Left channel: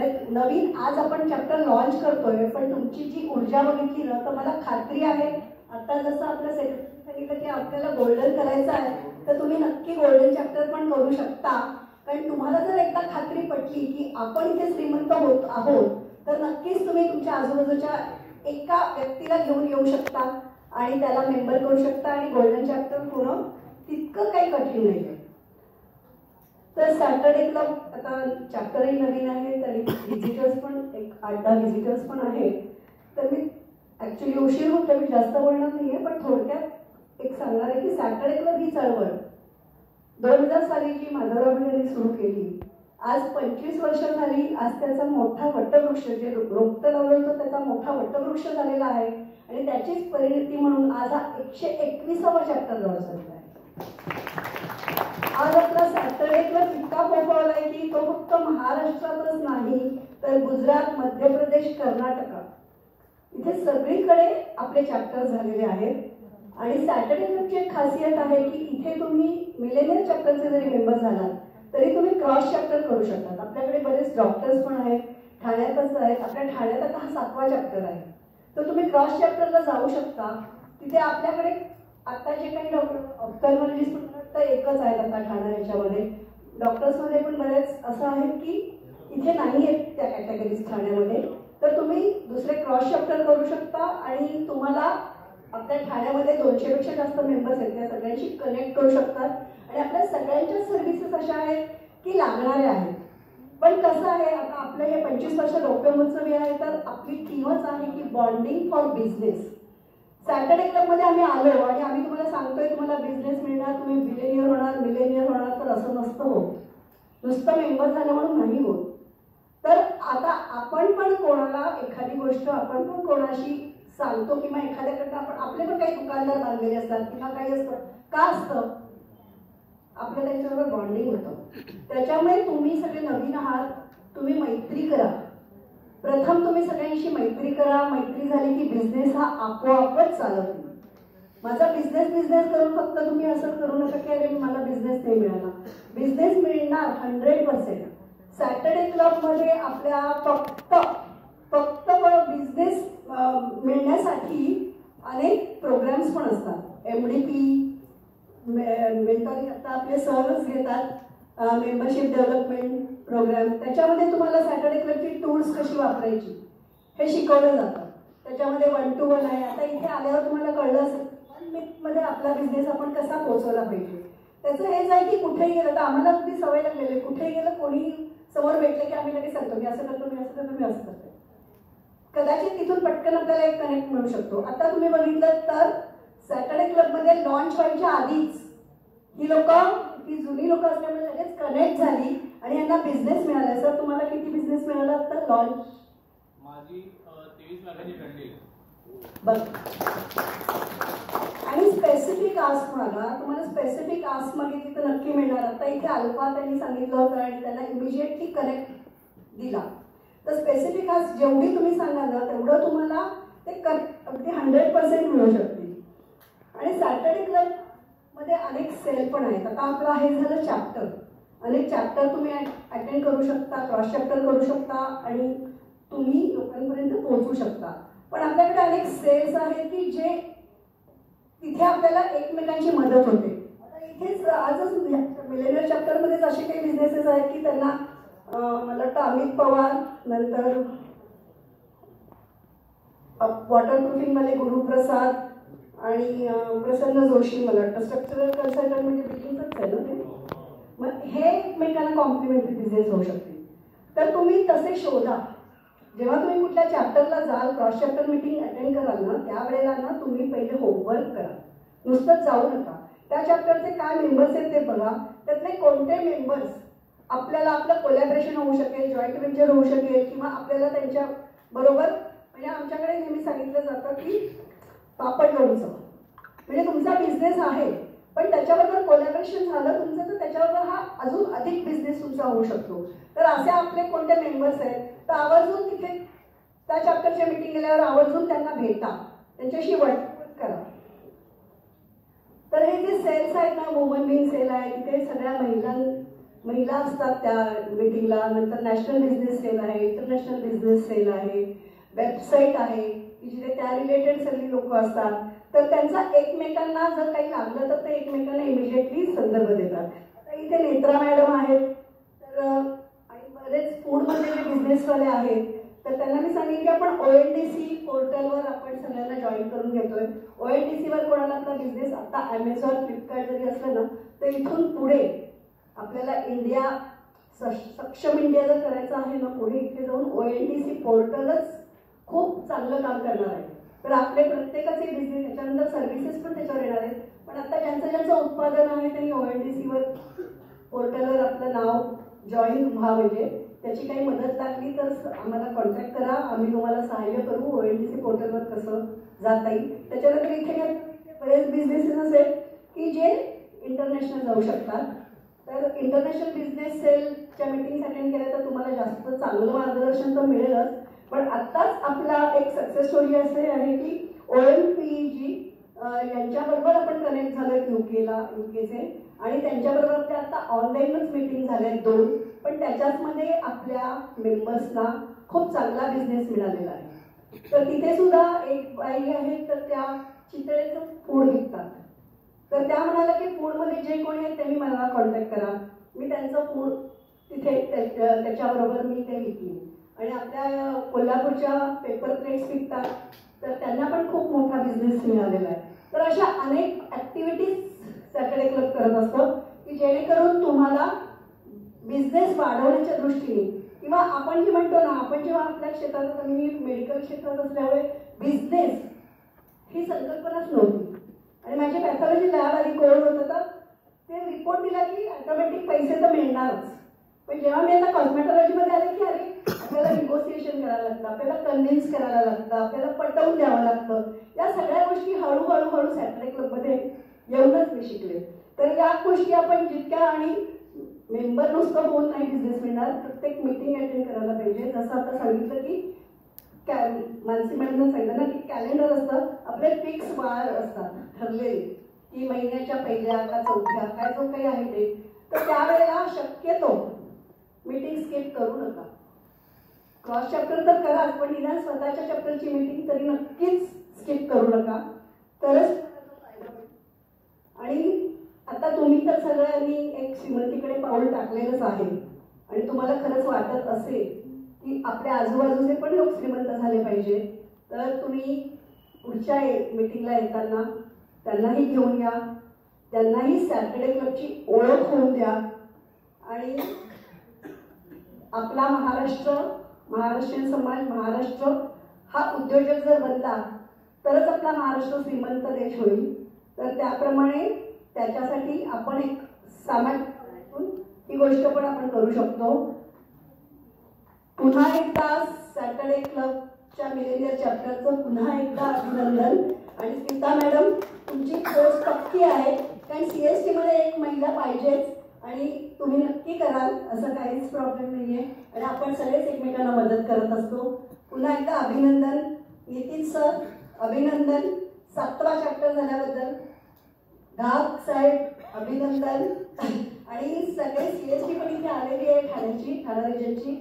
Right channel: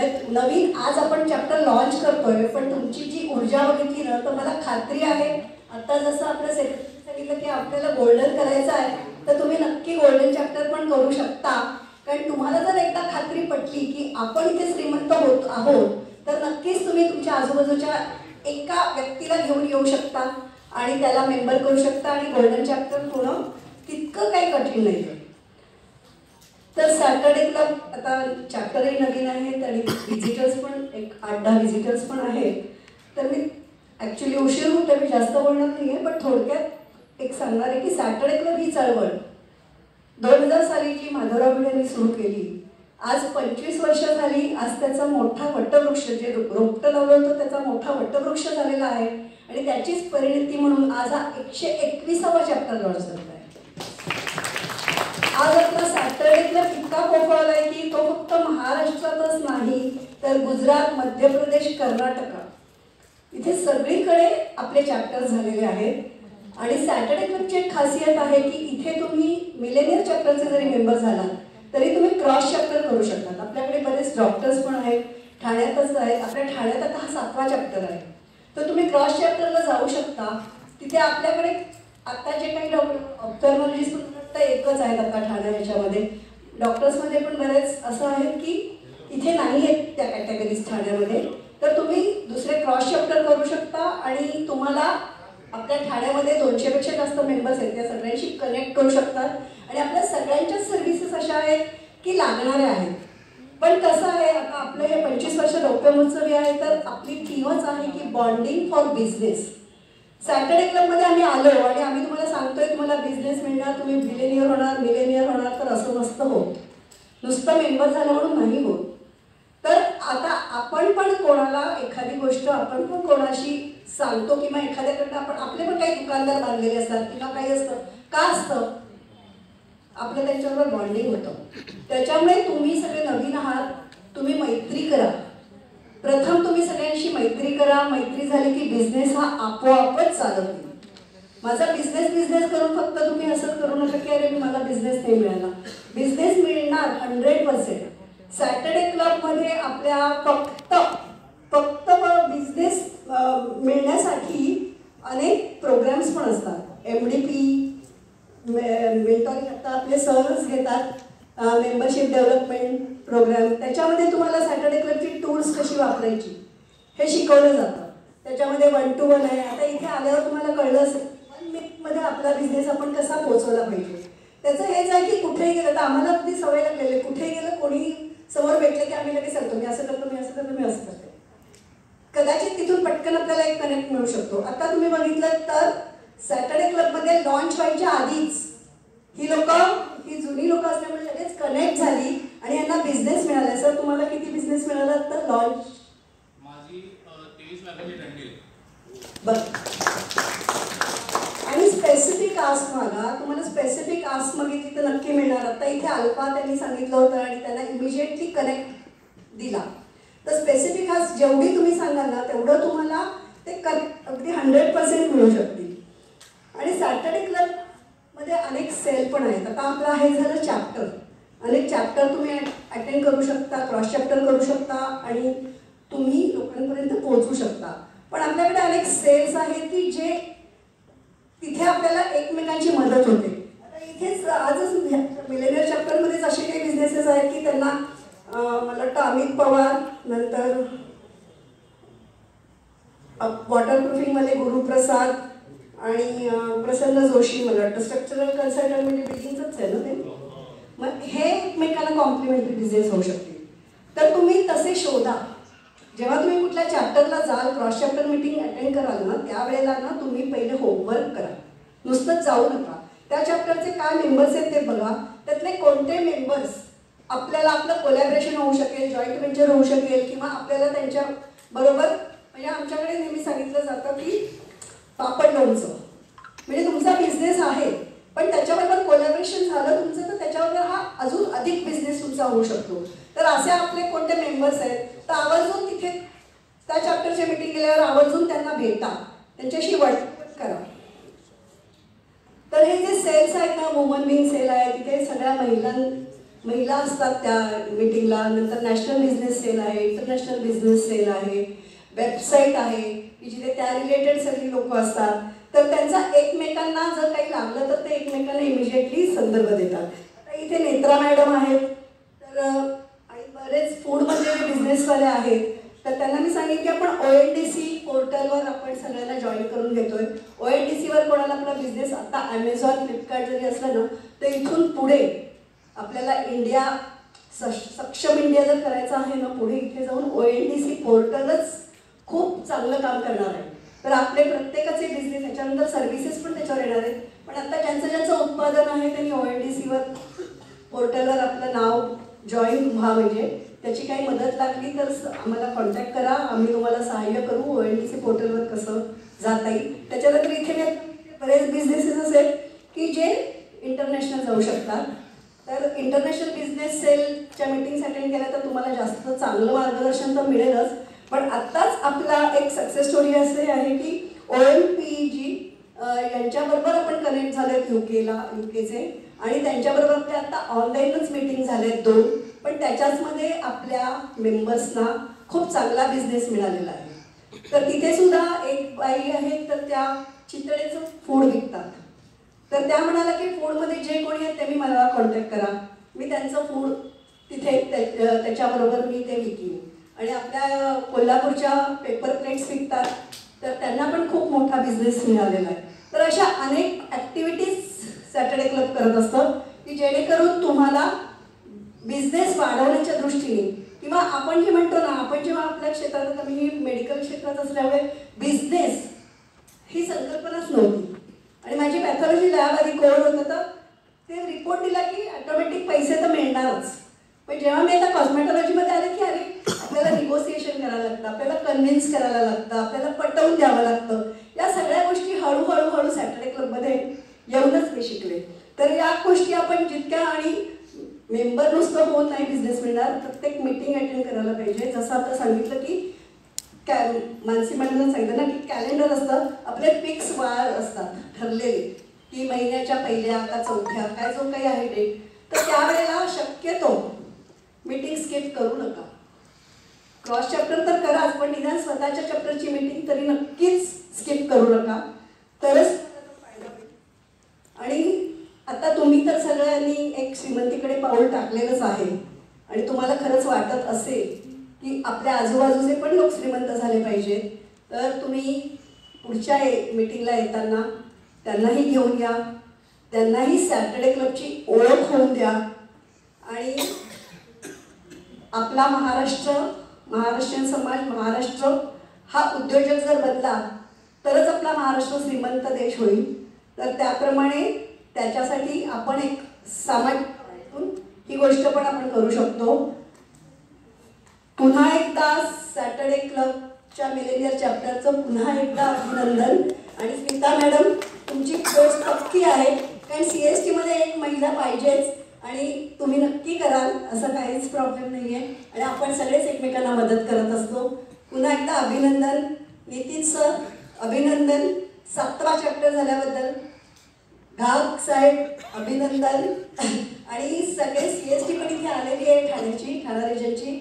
नवीन आज आपण chapter launch करतोय, पण तुमची जी ऊर्जा बघितली ना तर मला खात्री आहे आता जसं आपलं सेक्रेटरी सांगितलं की आपल्याला गोल्डन करायचं आहे, तर तुम्ही नक्की गोल्डन चॅप्टर पण करू शकता. कारण तुम्हाला जर एकदा खात्री पटली की आपण इथे श्रीमंत होत आहोत, तर नक्कीच तुम्ही तुमच्या आजूबाजूच्या एका व्यक्तीला घेऊन येऊ शकता आणि त्याला मेंबर करू शकता आणि गोल्डन चॅप्टर होणं तितकं काही कठीण नाही. तर सॅटर्डे क्लब आता चॅप्टरही नवीन आहेत आणि व्हिजिटर्स पण एक 8-10 व्हिजिटर्स पण आहेत. तर मी ॲक्च्युली उशीर होते, मी जास्त बोलणार नाही आहे, पण थोडक्यात एक सांगणार आहे की सॅटर्डे क्लब ही चळवळ 2000 साली जी माधवराव भिडेंनी सुरू केली, आज 25 वर्ष झाली. आज त्याचा मोठा वटवृक्ष, जे रोपटं लावलं होतं त्याचा मोठा वटवृक्ष झालेला आहे आणि त्याचीच परिणती म्हणून आज हा 121वा चॅप्टर लॉन्च झाला आहे. आज आपला सॅटर्डे क्लब इतका पोहोचला आहे की तो फक्त महाराष्ट्रातच नाही तर गुजरात, मध्य प्रदेश, कर्नाटक इथे सगळीकडे आपले चॅप्टर झालेले आहेत. आणि सॅटर्डे क्लबची एक खासियत आहे की इथे तुम्ही मिलेनियर चॅप्टरचे जरी मेंबर झालात तरी तुम्ही क्रॉस चॅप्टर करू शकता. आपल्याकडे बरेच डॉक्टर्स पण आहेत, ठाण्यातच आहेत. आपल्या ठाण्यात आता हा 7वा चॅप्टर आहे, तर तुम्ही क्रॉस चॅप्टरला जाऊ शकता. तिथे आपल्याकडे आता जे काही ऑप्थॅल्मॉलॉजिस्ट तर एकच आहेत आता ठाणे याच्यामध्ये. डॉक्टर्समध्ये पण बरेच असं आहेत की इथे नाही आहेत त्या कॅटेगरीज ठाण्यामध्ये, तर तुम्ही दुसरे क्रॉस चॅप्टर करू शकता आणि तुम्हाला आपल्या ठाण्यामध्ये 200पेक्षा जास्त मेंबर्स आहेत, त्या सगळ्यांशी कनेक्ट करू शकतात. आणि आपल्या सगळ्यांच्याच सर्व्हिसेस अशा आहेत की लागणाऱ्या आहेत. पण कसं आहे, आता आपलं हे 25 वर्ष रौप्य महोत्सवी आहे, तर आपली थीमच आहे की बॉन्डिंग फॉर बिझनेस. सॅटर्डे क्लबमध्ये आम्ही आलो आणि आम्ही तुम्हाला सांगतोय तुम्हाला बिझनेस मिळणार, तुम्ही बिलेनियर होणार, मिलेनियर होणार, तर असं नसतं होत. नुसतं मेंबर झालं म्हणून नाही होत. तर आता आपण पण कोणाला एखादी गोष्ट आपण पण कोणाशी सांगतो किंवा एखाद्याकडनं आपण आपले पण काही दुकानदार बांधलेले असतात किंवा काही असतं, का असतं, आपलं त्यांच्याबरोबर बॉन्डिंग होतं. त्याच्यामुळे तुम्ही सगळे नवीन आहात, तुम्ही मैत्री करा. प्रथम तुम्ही सगळ्यांशी मैत्री करा. मैत्री झाली की बिझनेस हा आपोआपच चालत नाही. माझा बिझनेस करून फक्त तुम्ही असं करू नका की अरे मला बिझनेस नाही मिळाला. बिझनेस मिळणार 100%. सॅटर्डे क्लबमध्ये आपल्या फक्त बिझनेस मिळण्यासाठी अनेक प्रोग्राम्स पण असतात. MDP मेंटॉरिंग आता आपले सर्स घेतात, मेंबरशिप डेव्हलपमेंट प्रोग्राम. त्याच्यामध्ये तुम्हाला सॅटर्डे क्लबची टूल्स कशी वापरायची हे शिकवलं जातं. त्याच्यामध्ये 1 to 1 आहे. आता इथे आल्यावर तुम्हाला कळलं असेल 1 मिनिटमध्ये आपला बिझनेस आपण कसा पोहोचवला पाहिजे. त्याचं हेच आहे की कुठेही गेलं तर आम्हाला अगदी सवय लागलेली आहे, कुठेही गेलं कोणी समोर भेटले की आम्ही लगेच सांगतो मी असं करतो, मी असं करतो, मी असं करतो. कदाचित तिथून पटकन आपल्याला एक कनेक्ट मिळू शकतो. आता तुम्ही बघितलं तर सॅटर्डे क्लबमध्ये लॉन्च व्हायच्या आधीच ही जुनी लोक असल्यामुळे लगेच कनेक्ट झाली आणि यांना बिझनेस मिळाला. सर तुम्हाला किती बिझनेस मिळाला तर लॉन्च? माझी 23 लाखाची टंडे. बरं. आणि स्पेसिफिक आस्क मागा, तुम्हाला स्पेसिफिक आस्क मागितली तर नक्की मिळणार. आता इथे अल्फा त्यांनी सांगितलं होतं आणि त्यांना इमिजिएटली कनेक्ट दिला. तर स्पेसिफिक आस्क जेवढी तुम्ही सांगाल ना तेवढं तुम्हाला ते अगदी 100% मिळू शकतील. आणि सॅटर्डे क्लबमध्ये अनेक सेल पण आहेत. आता आपलं हे झालं चॅप्टर. अनेक चॅप्टर तुम्ही अटेंड करू शकता, क्रॉस चॅप्टर करू शकता आणि तुम्ही लोकांपर्यंत पोहोचू शकता. पण आपल्याकडे अनेक सेल्स आहेत की जे तिथे आपल्याला एकमेकांची मदत होते. आता इथेच आजच मिलेनियर चॅप्टरमध्येच असे काही बिझनेसेस आहेत की त्यांना मला वाटतं अमित पवार, नंतर वॉटरप्रूफिंगमध्ये गुरुप्रसाद आणि प्रसन्न जोशी, मला वाटतं स्ट्रक्चरल कन्सल्टंट म्हणजे बिल्डिंगचंच आहे ना ते. मग हे एकमेकांना कॉम्प्लिमेंटरी बिझनेस होऊ शकतील. तर तुम्ही तसे शोधा. जेव्हा तुम्ही कुठल्या चॅप्टरला जाल, क्रॉस चॅप्टर मीटिंग अटेंड कराल ना त्यावेळेला ना तुम्ही पहिले होमवर्क करा, नुसतंच जाऊ नका. त्या चॅप्टरचे काय मेंबर्स आहेत ते बघा, त्यातले कोणते मेंबर्स आपल्याला आपलं कोलॅबरेशन होऊ शकेल, जॉईंट व्हेंचर होऊ शकेल किंवा आपल्याला त्यांच्या बरोबर. म्हणजे आमच्याकडे नेहमी सांगितलं जातं की पापड लोणचं म्हणजे तुमचा बिझनेस आहे पण त्याच्याबरोबर कोलॅबरेशन झालं तुमचं तर त्याच्याबरोबर हा अजून अधिक बिझनेस तुमचा होऊ शकतो. तर असे आपले कोणते मेंबर्स आहेत तर आवर्जून तिथे त्या चॅप्टरच्या मीटिंग केल्यावर आवर्जून त्यांना भेटा, त्यांच्याशी वर्क करा. तर हे जे सेल्स आहेत ना, वुमन बिंग सेल आहे, तिथे सगळ्या महिला असतात त्या मीटिंगला. नंतर नॅशनल बिझनेस सेल आहे, इंटरनॅशनल बिझनेस सेल आहे, वेबसाईट आहे की जिथे त्या रिलेटेड सगळी लोक असतात. तर त्यांचा एकमेकांना जर काही लागलं तर ते एकमेकांना इमिजिएटली संदर्भ देतात. आता इथे नेत्रा मॅडम आहेत, तर आणि बरेच फूडमध्ये जे बिझनेसवाले आहेत, तर त्यांना मी सांगितलं की आपण ONDC पोर्टलवर आपण सगळ्यांना जॉईन करून घेतोय. ONDCवर कोणाला आपला बिझनेस आता ॲमेझॉन, फ्लिपकार्ट जरी असलं ना, तर इथून पुढे आपल्याला इंडिया सक्षम इंडिया जर करायचं आहे ना, पुढे इथे जाऊन ONDC पोर्टलच खूप चांगलं काम करणार आहे. तर आपले प्रत्येकाचे बिझनेस, त्याच्यानंतर सर्व्हिसेस पण त्याच्यावर येणार आहेत. पण आता ज्यांचं उत्पादन आहे त्यांनी ONDCवर पोर्टलवर आपलं नाव जॉईन व्हा. म्हणजे त्याची काही मदत लागली तर आम्हाला कॉन्टॅक्ट करा, आम्ही तुम्हाला सहाय्य करू. ONDC पोर्टलवर कसं जाता येईल. त्याच्यानंतर इथे बरेच बिझनेसेस असेल की जे इंटरनॅशनल जाऊ शकतात. तर इंटरनॅशनल बिझनेस सेलच्या मीटिंग्स अटेंड केल्या तर तुम्हाला जास्त चांगलं मार्गदर्शन तर मिळेलच. पण आत्ताच आपला एक सक्सेस स्टोरी असे आहे की OMPG यांच्याबरोबर आपण कनेक्ट झालो आहेत युकेचे, आणि त्यांच्याबरोबर आपल्या आता ऑनलाईनच मीटिंग झाल्या आहेत 2. पण त्याच्याचमध्ये आपल्या मेंबर्सना खूप चांगला बिझनेस मिळालेला आहे. तर तिथे सुद्धा एक बाई आहे, तर त्या चितळेचं फूड विकतात. तर त्या म्हणाल्या की फूडमध्ये जे कोणी आहेत त्यांनी मला कॉन्टॅक्ट करा, मी त्यांचं फूड तिथे त्याच्याबरोबर मी ते विकीन. आणि आपल्या कोल्हापूरच्या पेपर प्लेट्स विकतात, तर त्यांना पण खूप मोठा बिझनेस मिळालेला आहे. तर अशा अनेक ॲक्टिव्हिटीज सॅटर्डे क्लब करत असतं की जेणेकरून तुम्हाला बिझनेस वाढवण्याच्या दृष्टीने, किंवा आपण जे म्हणतो ना, आपण जेव्हा आपल्या क्षेत्रात, मी मेडिकल क्षेत्रात असल्यामुळे बिझनेस ही संकल्पनाच नव्हती. आणि माझी पॅथॉलॉजी लॅब आधी कोण होतं, तर ते रिपोर्ट दिला की ऑटोमॅटिक पैसे तर मिळणारच. पण जेव्हा मी आता कॉस्मेटॉलॉजीमध्ये आले की अरे आपल्याला निगोसिएशन करायला लागतं, आपल्याला कन्व्हिन्स करायला लागतं, आपल्याला पटवून द्यावं लागतं. या सगळ्या गोष्टी हळूहळू सॅटर्डे क्लबमध्ये येऊनच मी शिकले. तर या गोष्टी आपण जितक्या, आणि मेंबर नुसतं होऊन नाही बिझनेस मिळणार, प्रत्येक मीटिंग अटेंड करायला पाहिजे. जसं आता सांगितलं की मानसी मॅडमने सांगितलं ना की कॅलेंडर असतं, आपले फिक्स वार असतात ठरलेले की महिन्याच्या पहिल्या का चौथ्या काय जो काही आहे डेट, तर त्यावेळेला शक्यतो मीटिंग स्किप करू नका. क्रॉस चॅप्टर तर कराच, पण निदान स्वतःच्या चॅप्टरची मीटिंग तरी नक्कीच स्किप करू नका, तरच फायदा होईल. आणि आता तुम्ही तर सगळ्यांनी एक श्रीमंतीकडे पाऊल टाकलेलंच आहे, आणि तुम्हाला खरंच वाटत असेल की आपल्या आजूबाजूचे पण लोक श्रीमंत झाले पाहिजेत, तर तुम्ही पुढच्या मीटिंगला येताना त्यांनाही घेऊन या, त्यांनाही सॅटर्डे क्लबची ओळख होऊन द्या. आणि आपला महाराष्ट्रीयन समाज, महाराष्ट्र हा उद्योजक जर बनला तरच आपला महाराष्ट्र श्रीमंत देश होईल. तर त्याप्रमाणे त्याच्यासाठी आपण एक सामाजिक ही गोष्ट पण आपण करू शकतो. पुन्हा एकदा सॅटर्डे क्लबच्या मिलेनियर चॅप्टरचं पुन्हा एकदा अभिनंदन. आणि स्मिता मॅडम, तुमची पोस्ट पक्की आहे, कारण CST मध्ये एक महिला पाहिजेच, आणि तुम्ही नक्की कराल, असं काहीच प्रॉब्लेम नाही आहे. आणि आपण सगळेच एकमेकांना मदत करत असतो. पुन्हा एकदा अभिनंदन नितीन सर, अभिनंदन 7वा चॅप्टर झाल्याबद्दल. घाग साहेब अभिनंदन. आणि सगळे CST पण इथे आलेली आहे ठाण्याची, ठाणा रिजनची.